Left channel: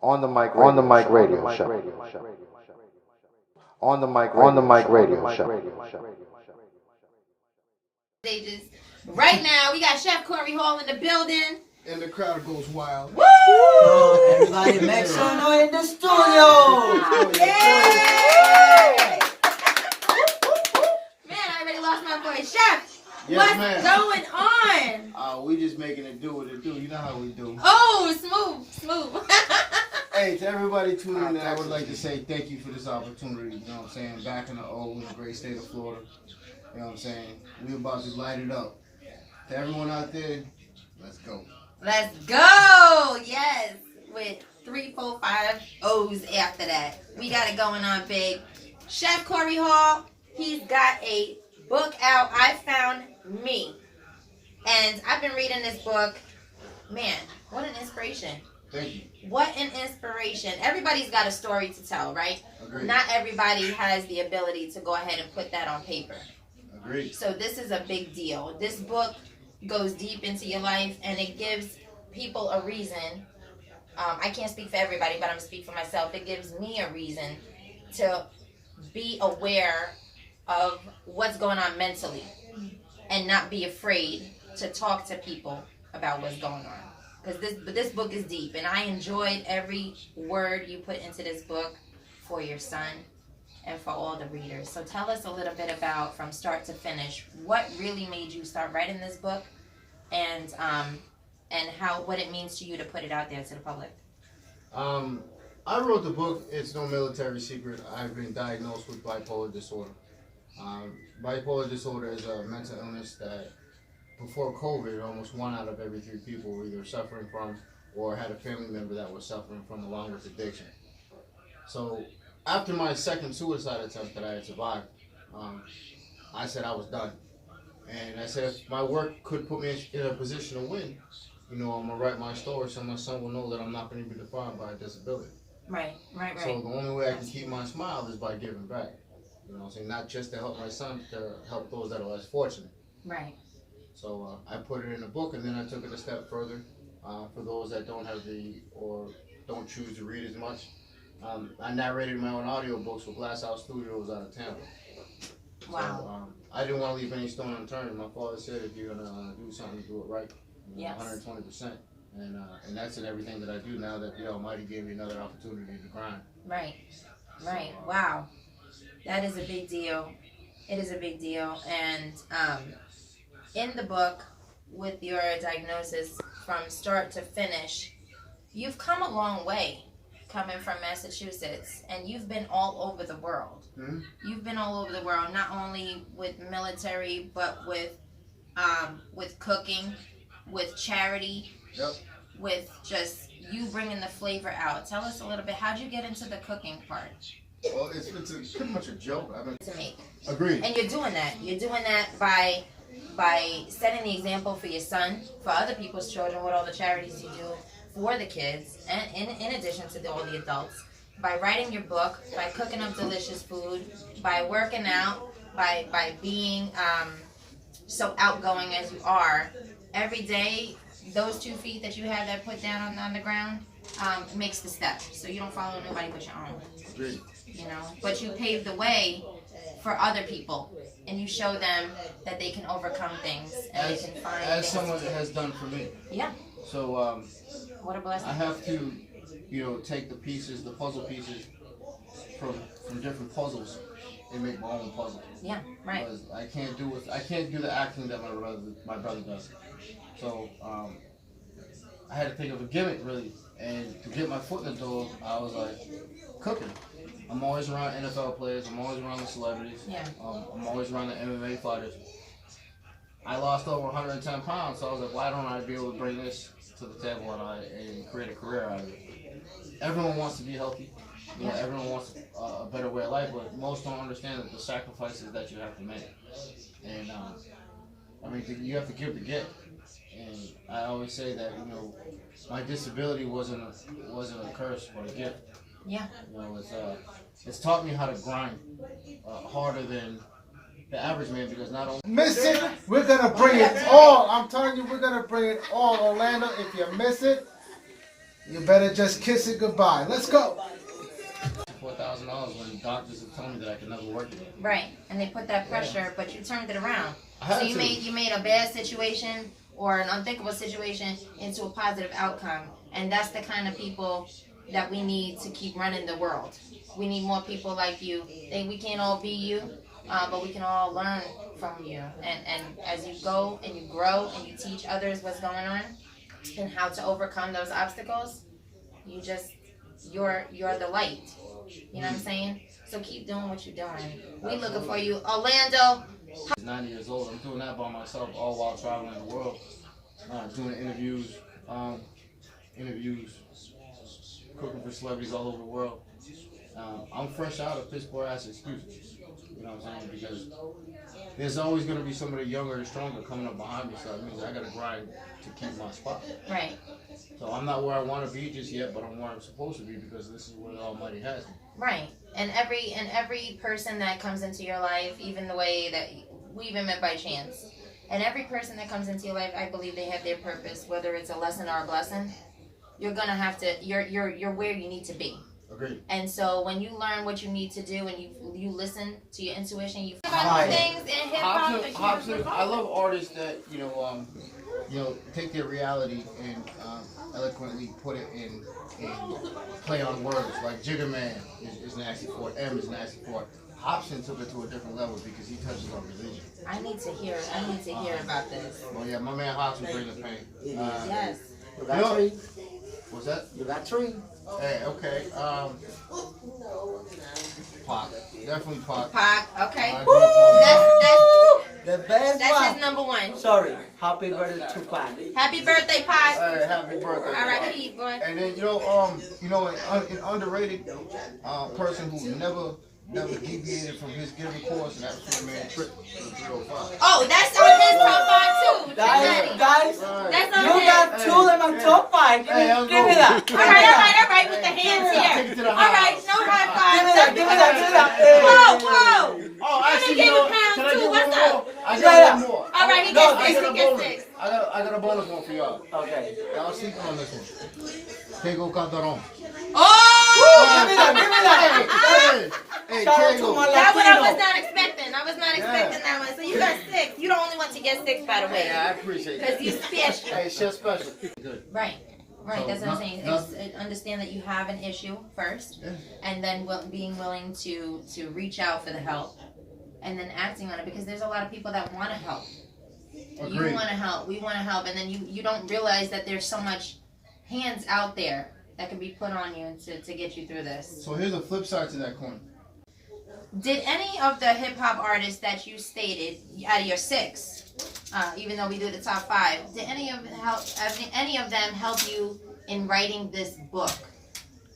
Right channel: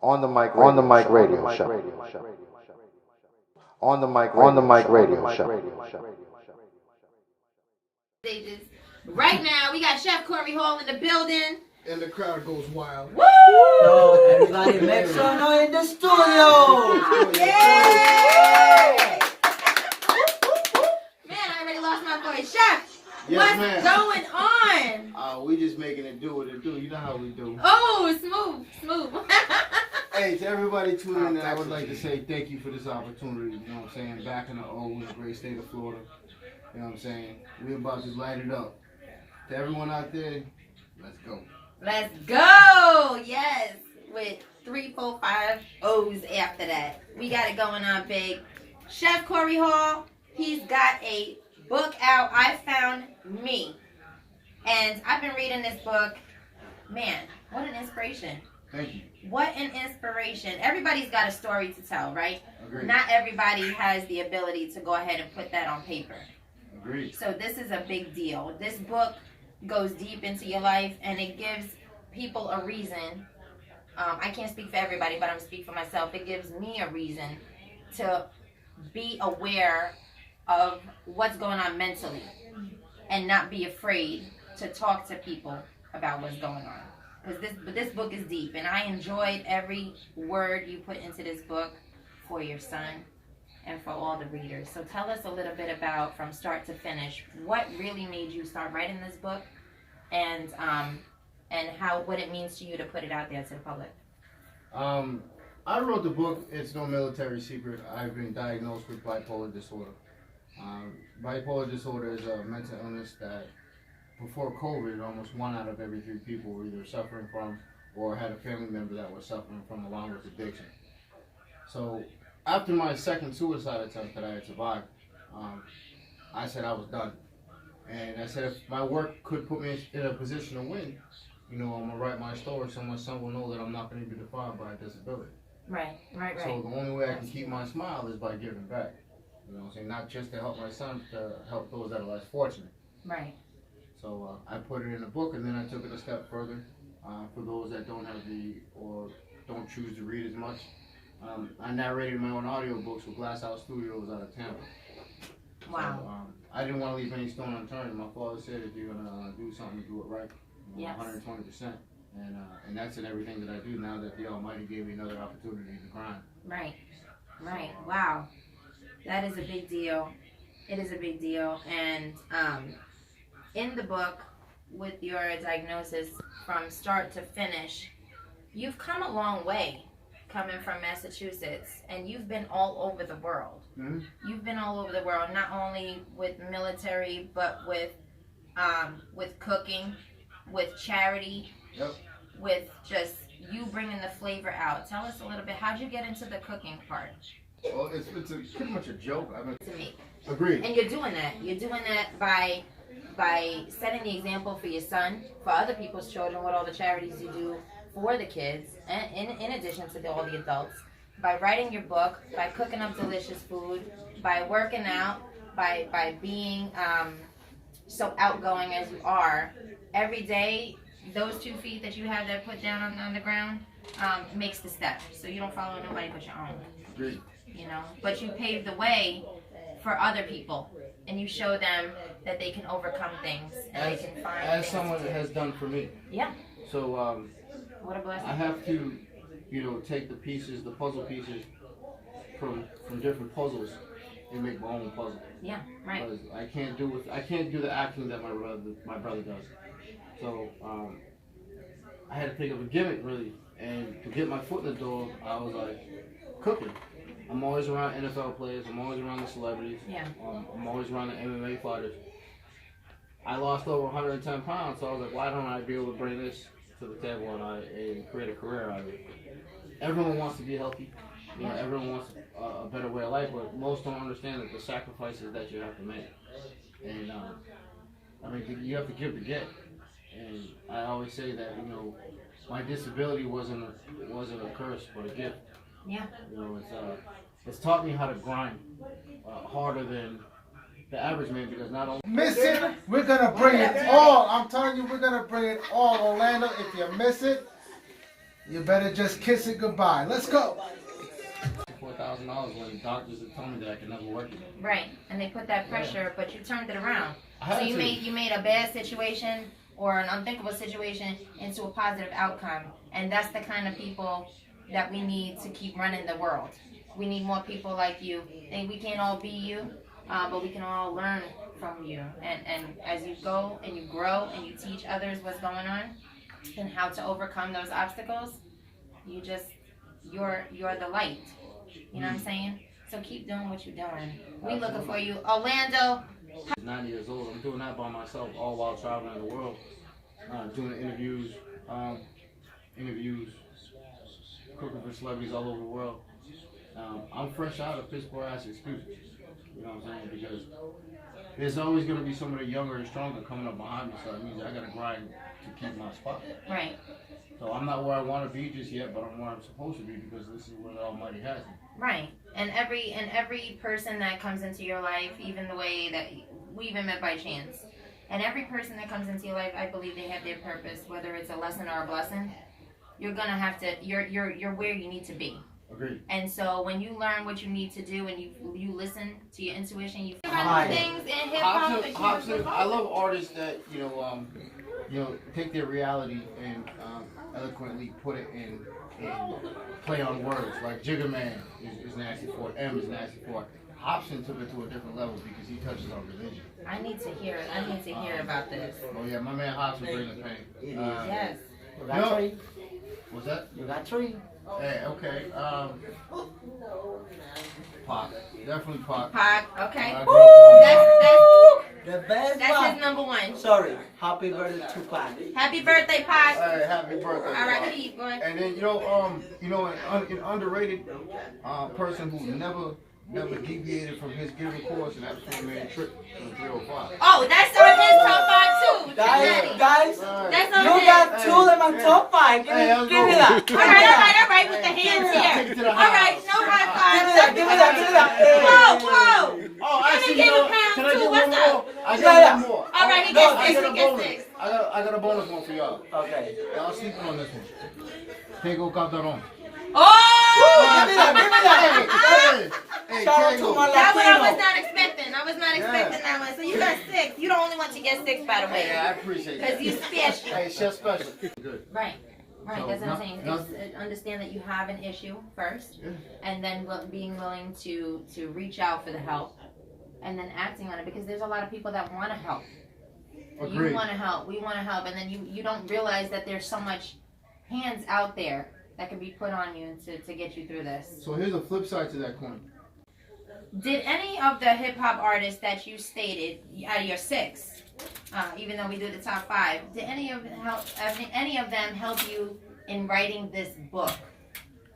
On the mic radio show. On the mic radio show. Stages. Right now, we got Chef Cory in the building. And the crowd goes wild. Woo! So everybody make some noise in the studio. Yay! Man, I already lost my voice. Chef, Yes, what's ma'am. going on? We just making it do what it do. You know how we do. Oh, smooth. Hey, to everybody tuning in, I would like to say thank you for this opportunity. You know what I'm saying? Back in the O in the great state of Florida. You know what I'm saying? We're about to light it up. To everyone out there, let's go. Let's go. Yes. With 3, 4, 5 O's after that. We got it going on big. Chef Cory Hall, he's got a book out, I Found Me. And I've been reading this book. Man, what an inspiration. Thank you. What an inspiration. Everybody's got a story to tell, right? Agreed. Not everybody has the ability to go ahead and put that on paper. Agreed. So this is a big deal. This book goes deep into your life, and it gives people a reason. I can't speak for everybody, but I'm speaking for myself. It gives me a reason to be aware of what's going on mentally and not be afraid to talk to people about what's going on. Because this book is deep, and I enjoyed every word you put into this book for your son and for all the readers. So tell us a little bit about, from start to finish, what really made you start writing this book, and what it means to you to put it out there to the public. I wrote the book. It's no military secret. I've been diagnosed with bipolar disorder. Bipolar disorder is a mental illness that, before COVID, almost 1 out of every 3 people were either suffering from or had a family member that was suffering from, along with addiction. So after my second suicide attempt that I had survived, I said I was done. And I said if my work could put me in a position to win, I'm going to write my story so my son will know that I'm not going to be defined by a disability. Right. So the only way I can keep my smile is by giving back. You know what I'm saying? Not just to help my son, to help those that are less fortunate. Right. So I put it in a book, and then I took it a step further for those that don't have or don't choose to read as much. I narrated my own audiobooks with Glass House Studios out of Tampa. Wow. So, I didn't want to leave any stone unturned. My father said if you're going to do something, do it right. Yes. 120%. And that's in everything that I do now that the Almighty gave me another opportunity to grind. Right. Wow. That is a big deal. It is a big deal. And in the book, with your diagnosis from start to finish, you've come a long way coming from Massachusetts, and you've been all over the world. Mm-hmm. You've been all over the world, not only with military, but with cooking, with charity, Yep. with just you bringing the flavor out. Tell us a little bit, how'd you get into the cooking part? Well, it's pretty much a joke. To make. Agreed. And you're doing that. You're doing that by setting the example for your son, for other people's children, with all the charities you do for the kids, and in addition to all the adults, by writing your book, by cooking up delicious food, by working out, by being so outgoing as you are. Every day, those 2 feet that you have that put down on the ground makes the step. So you don't follow nobody but your own. Agreed. But you pave the way for other people, and you show them that they can overcome things and they can find as things. someone has done for me. Yeah. So What a blessing. I have to, take the puzzle pieces from different puzzles and make my own puzzle. Yeah. Right. Because I can't do the acting that my brother does. So I had to think of a gimmick really, and to get my foot in the door, I was like, cooking. I'm always around NFL players. I'm always around the celebrities. Yeah. I'm always around the MMA fighters. I lost over 110 pounds, so I was like, why don't I be able to bring this to the table and create a career out of it? Everyone wants to be healthy. Everyone wants a better way of life, but most don't understand that the sacrifices that you have to make. And you have to give to get. And I always say that my disability wasn't a curse, but a gift. Yeah. It's taught me how to grind harder than the average man, because not only Miss it, we're gonna bring it all. I'm telling you, we're gonna bring it all. Orlando, if you miss it, You better just kiss it goodbye. Let's go. $4,000 when doctors have told me that I can never work again. Right, and they put that pressure, but you turned it around. I had So you to. made a bad situation or an unthinkable situation into a positive outcome, and that's the kind of people that we need to keep running the world. We need more people like you. We can't all be you, but we can all learn from you. And as you go and you grow and you teach others what's going on and how to overcome those obstacles, you're the light. You know what I'm saying? So keep doing what you're doing. We looking for you, Orlando. I'm 90 years old. I'm doing that by myself, all while traveling the world, doing interviews, cooking for celebrities all over the world. I'm fresh out of piss poor ass excuses. You know what I'm saying? Because there's always going to be somebody younger and stronger coming up behind me, so it means I got to grind to keep my spot. Right. So I'm not where I want to be just yet, but I'm where I'm supposed to be because this is where the Almighty has me. Right. And every person that comes into your life, even the way that we even met by chance, and every person that comes into your life, I believe they have their purpose, whether it's a lesson or a blessing. You're gonna have to. You're where you need to be. Agreed. And so when you learn what you need to do and you listen to your intuition, you Hi. things in hip hop. Hobson, I love artists that take their reality and eloquently put it in play on words. Like Jigga Man is nasty for it. M is nasty for it. Hobson took it to a different level because he touches on religion. I need to hear about this. Oh yeah, my man Hobson brings the pain. Yes. You got three. What's that? You got three. Hey, okay. Pac, definitely Pac. Pac. Okay. I The best That's one. his number one. Sorry. Happy birthday to Pac. Happy birthday, Pac. Hey, happy birthday. All right, Pac. keep going. And then an underrated person who never deviated from his given course, and that's my man Trick to the 305. Oh, that's on his top 5 too. Guys, That's on you his. got two in my top 5. Give Hey, me that. All right, with the hands Take it to here. the All right, house. no high Give me five. that. Whoa. Oh, Let me actually, give you a know what? pound Can I too. get What's one up? more? I Yeah. got one more. All right, he No, gets I 6. got He a gets bonus. 6. I got a bonus one for y'all. Okay. Y'all sleeping on this one. Tego Calderon. Oh! Hey, Shout out to Tego. my That's what I was Latino. not expecting. I was not expecting that one. So you got 6. You're the only one to get 6, by the Hey, I way. appreciate Because that. you special. Hey, chef special. Good. Right. Right, So, that's what I'm no- saying. no- It's, understand that you have an issue first, Yeah. and then being willing to reach out for the help, and then acting on it, because there's a lot of people that want to help. You Agreed. want to help, we want to help, and then you don't realize that there's so much hands out there that can be put on you to get you through this. So here's the flip side to that coin. Did any of the hip hop artists that you stated out of your 6, even though we do the top 5, did any of them help you in writing this book?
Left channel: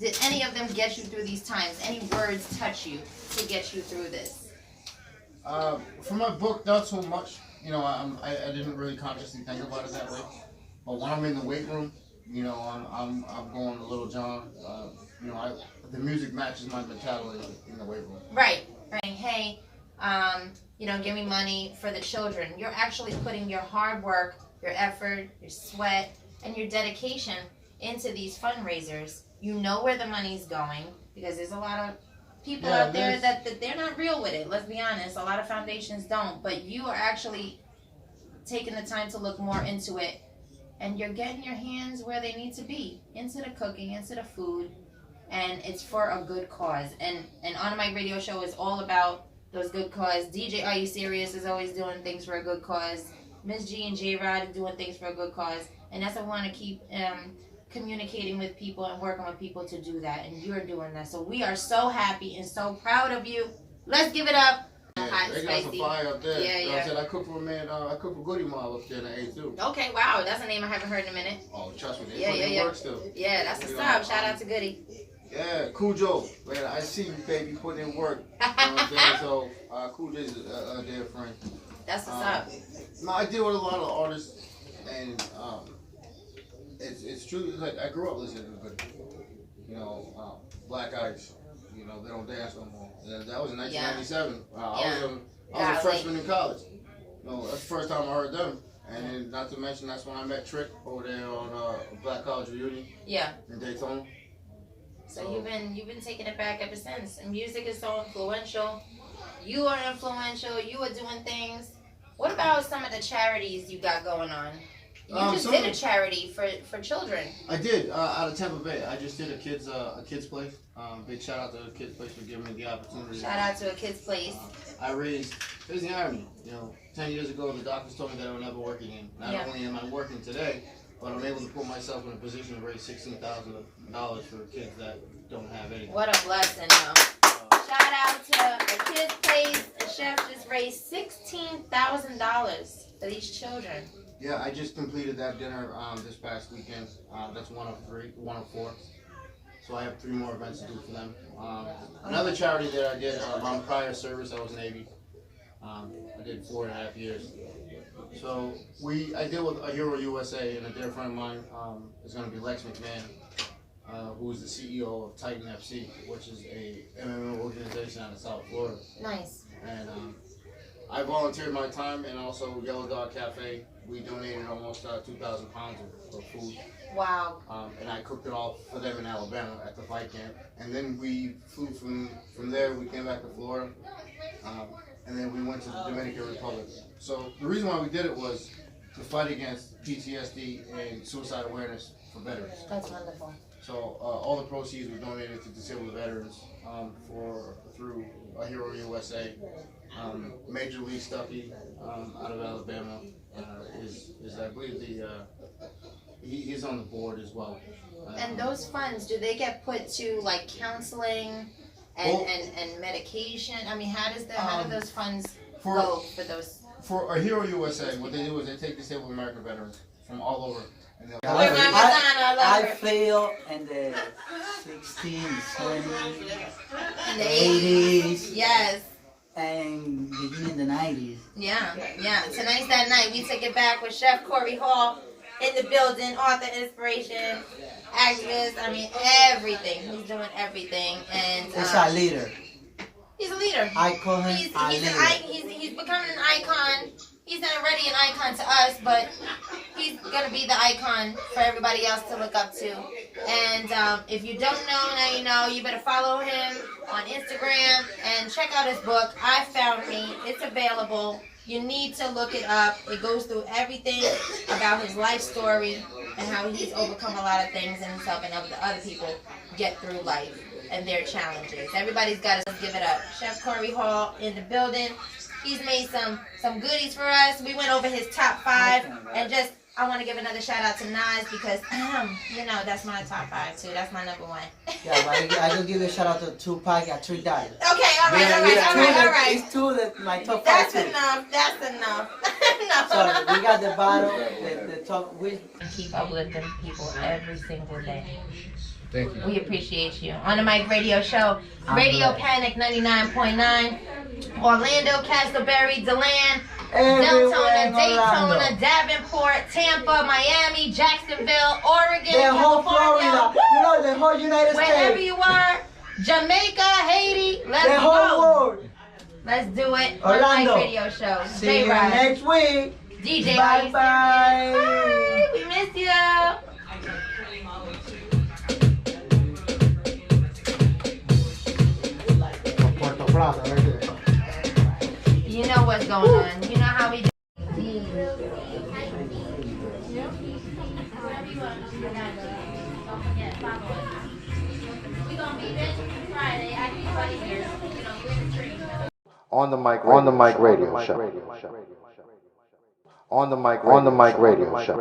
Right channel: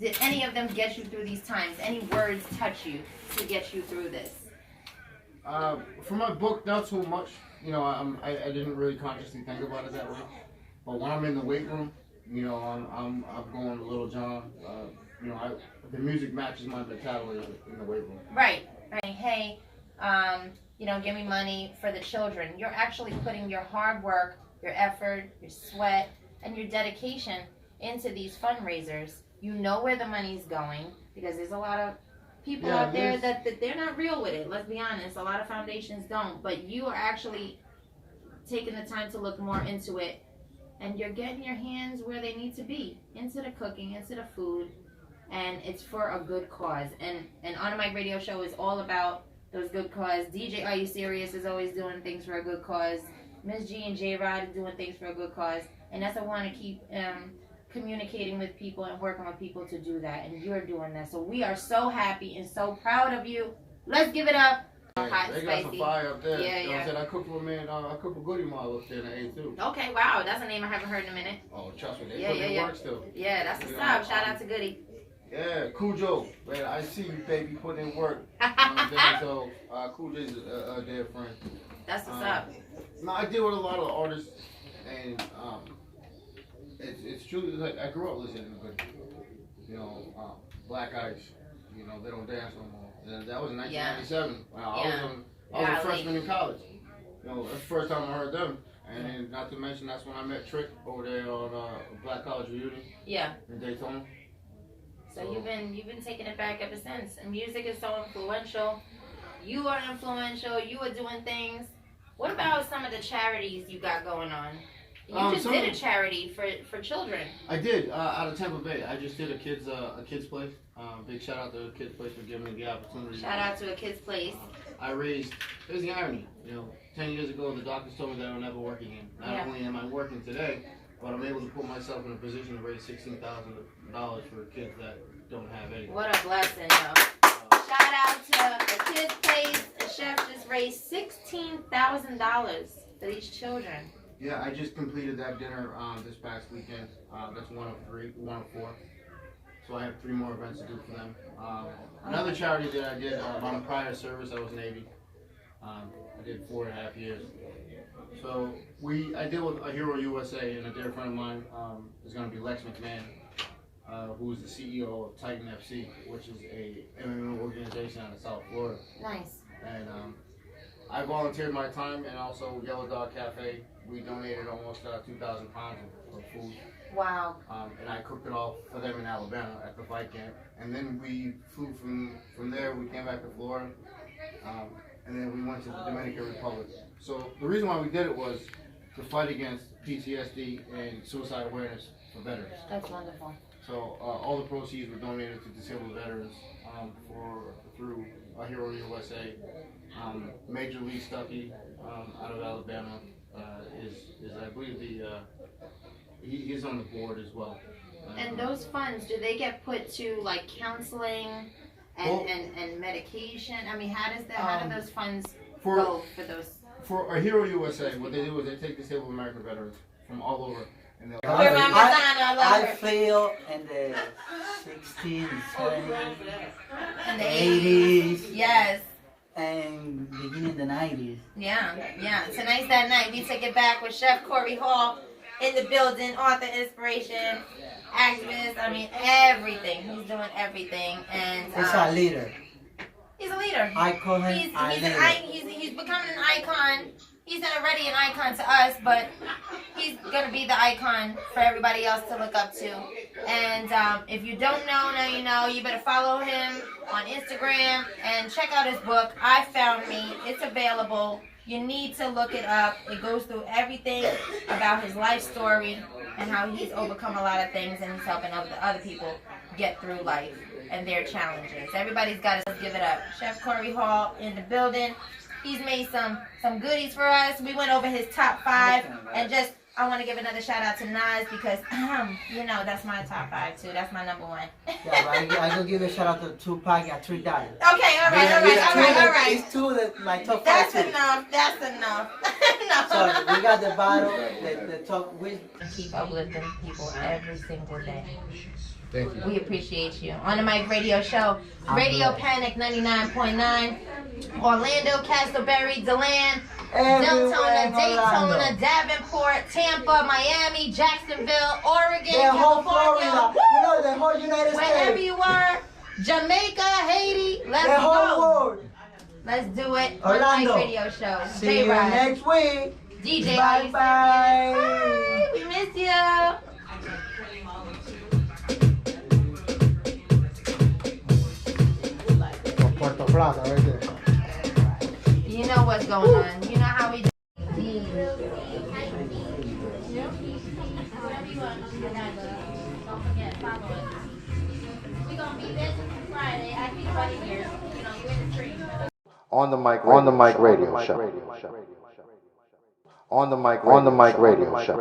Did any of them get you through these times? Any words touch you to get you through this? For my book, not so much. I didn't really consciously think about it that way. But when I'm in the weight room, I'm going to Little John. The music matches my mentality in the weight room. Right. Hey, give me money for the children. You're actually putting your hard work, your effort, your sweat, and your dedication into these fundraisers. You know where the money's going, because there's a lot of people out there that they're not real with it. Let's be honest. A lot of foundations don't, but you are actually taking the time to look more into it, and you're getting your hands where they need to be, into the cooking, into the food, and it's for a good cause. And On a Mic Radio Show is all about those good cause. DJ Are You Serious is always doing things for a good cause. Miss G and Jrod are doing things for a good cause, and that's what I want to keep communicating with people and working with people to do that, and you're doing that. So we are so happy and so proud of you. Let's give it up. Hot and They got some spicy. fire up there. Yeah, You know what yeah. I'm saying? I cook for a man. I cook for Goody Mob up there in the A too. Okay, wow, that's a name I haven't heard in a minute. Oh, trust me, they Yeah, put yeah, in yeah. work still. Yeah, that's what's up. Shout out to Goody. Yeah, Cujo. Man, I see you, baby, put in work. You know what I'm saying? So, Cujo's a dear friend. That's what's up. No, I deal with a lot of artists, and it's true. Like, I grew up listening to Goody. Black Ice. They don't dance no more. And that was in 1997. Yeah. I was a freshman in college. That's the first time I heard them. And then, not to mention, that's when I met Trick over there on Black College Reunion. Yeah. In Daytona. So you've been taking it back ever since. And music is so influential. You are influential. You are doing things. What about some of the charities you got going on? You just did a charity for children. I did out of Tampa Bay. I just did a kids place. Big shout out to the kids place for giving me the opportunity. Shout out to a kids place. I raised. Here's the irony. 10 years ago, the doctors told me that I would never work again. Not only am I working today, but I'm able to put myself in a position to raise $16,000 for kids that don't have anything. What a blessing, though. Shout out to the kids place. The Cheff just raised $16,000 for these children. Yeah, I just completed that dinner this past weekend. That's one of four. So I have 3 more events to do for them. Another charity that I did on prior service, I was Navy. I did 4.5 years. So I deal with a Hero USA, and a dear friend of mine is going to be Lex McMahon, who is the CEO of Titan FC, which is a MMA organization out of South Florida. Nice. And I volunteered my time, and also Yellow Dog Cafe. We donated almost 2,000 pounds of food. Wow. And I cooked it all for them in Alabama at the fight camp. And then we flew from there. We came back to Florida, and then we went to the Dominican Republic. So the reason why we did it was to fight against PTSD and suicide awareness for veterans. That's wonderful. So all the proceeds were donated to disabled veterans through a Hero USA. Major Lee Stuckey out of Alabama is I believe he's on the board as well. And those funds, do they get put to like counseling and medication? I mean, how do those funds go for those? For a Hero USA, what they do is they take disabled American veterans from all over. And I feel in the 60s, 70s, In the 80s. Yes. And beginning of the 90s. Yeah. Tonight's that night. We took it back with Chef Cory Hall in the building, author, inspiration, activist. I mean, everything. He's doing everything. And He's a leader. He's a leader. I call him a leader. He's becoming an icon. He's already an icon to us, but he's going to be the icon for everybody else to look up to. And if you don't know, now you know. You better follow him on Instagram and check out his book, I Found Me. It's available. You need to look it up. It goes through everything about his life story and how he's overcome a lot of things and he's helping other people get through life and their challenges. Everybody's got to give it up. Chef Cory Hall in the building. He's made some goodies for us. We went over his top 5 and I want to give another shout out to Nas because, that's my top 5 too. That's my number 1. Yeah, but I will give a shout out to Tupac at $3. Okay, all right. It's 2 that my top 5 That's too. That's enough. No. So we got the bottle, the top. Keep uplifting people every single day. Thank you. We appreciate you. On the Mic Radio Show, Radio Panic 99.9, Orlando, Castleberry, DeLand, Deltona, Daytona, Davenport, Tampa, Miami, Jacksonville, Oregon, The whole California. Florida, the whole United States. Wherever you are, Jamaica, Haiti, let's The whole go. world. Let's do it. Orlando. On the Mic Radio Show. See you Jrod. next week. DJ, Bye-bye. Bye. We miss you. Puerto Plata, right there. You know what's going on. You know how we do. On the mic radio show. On the mic radio show.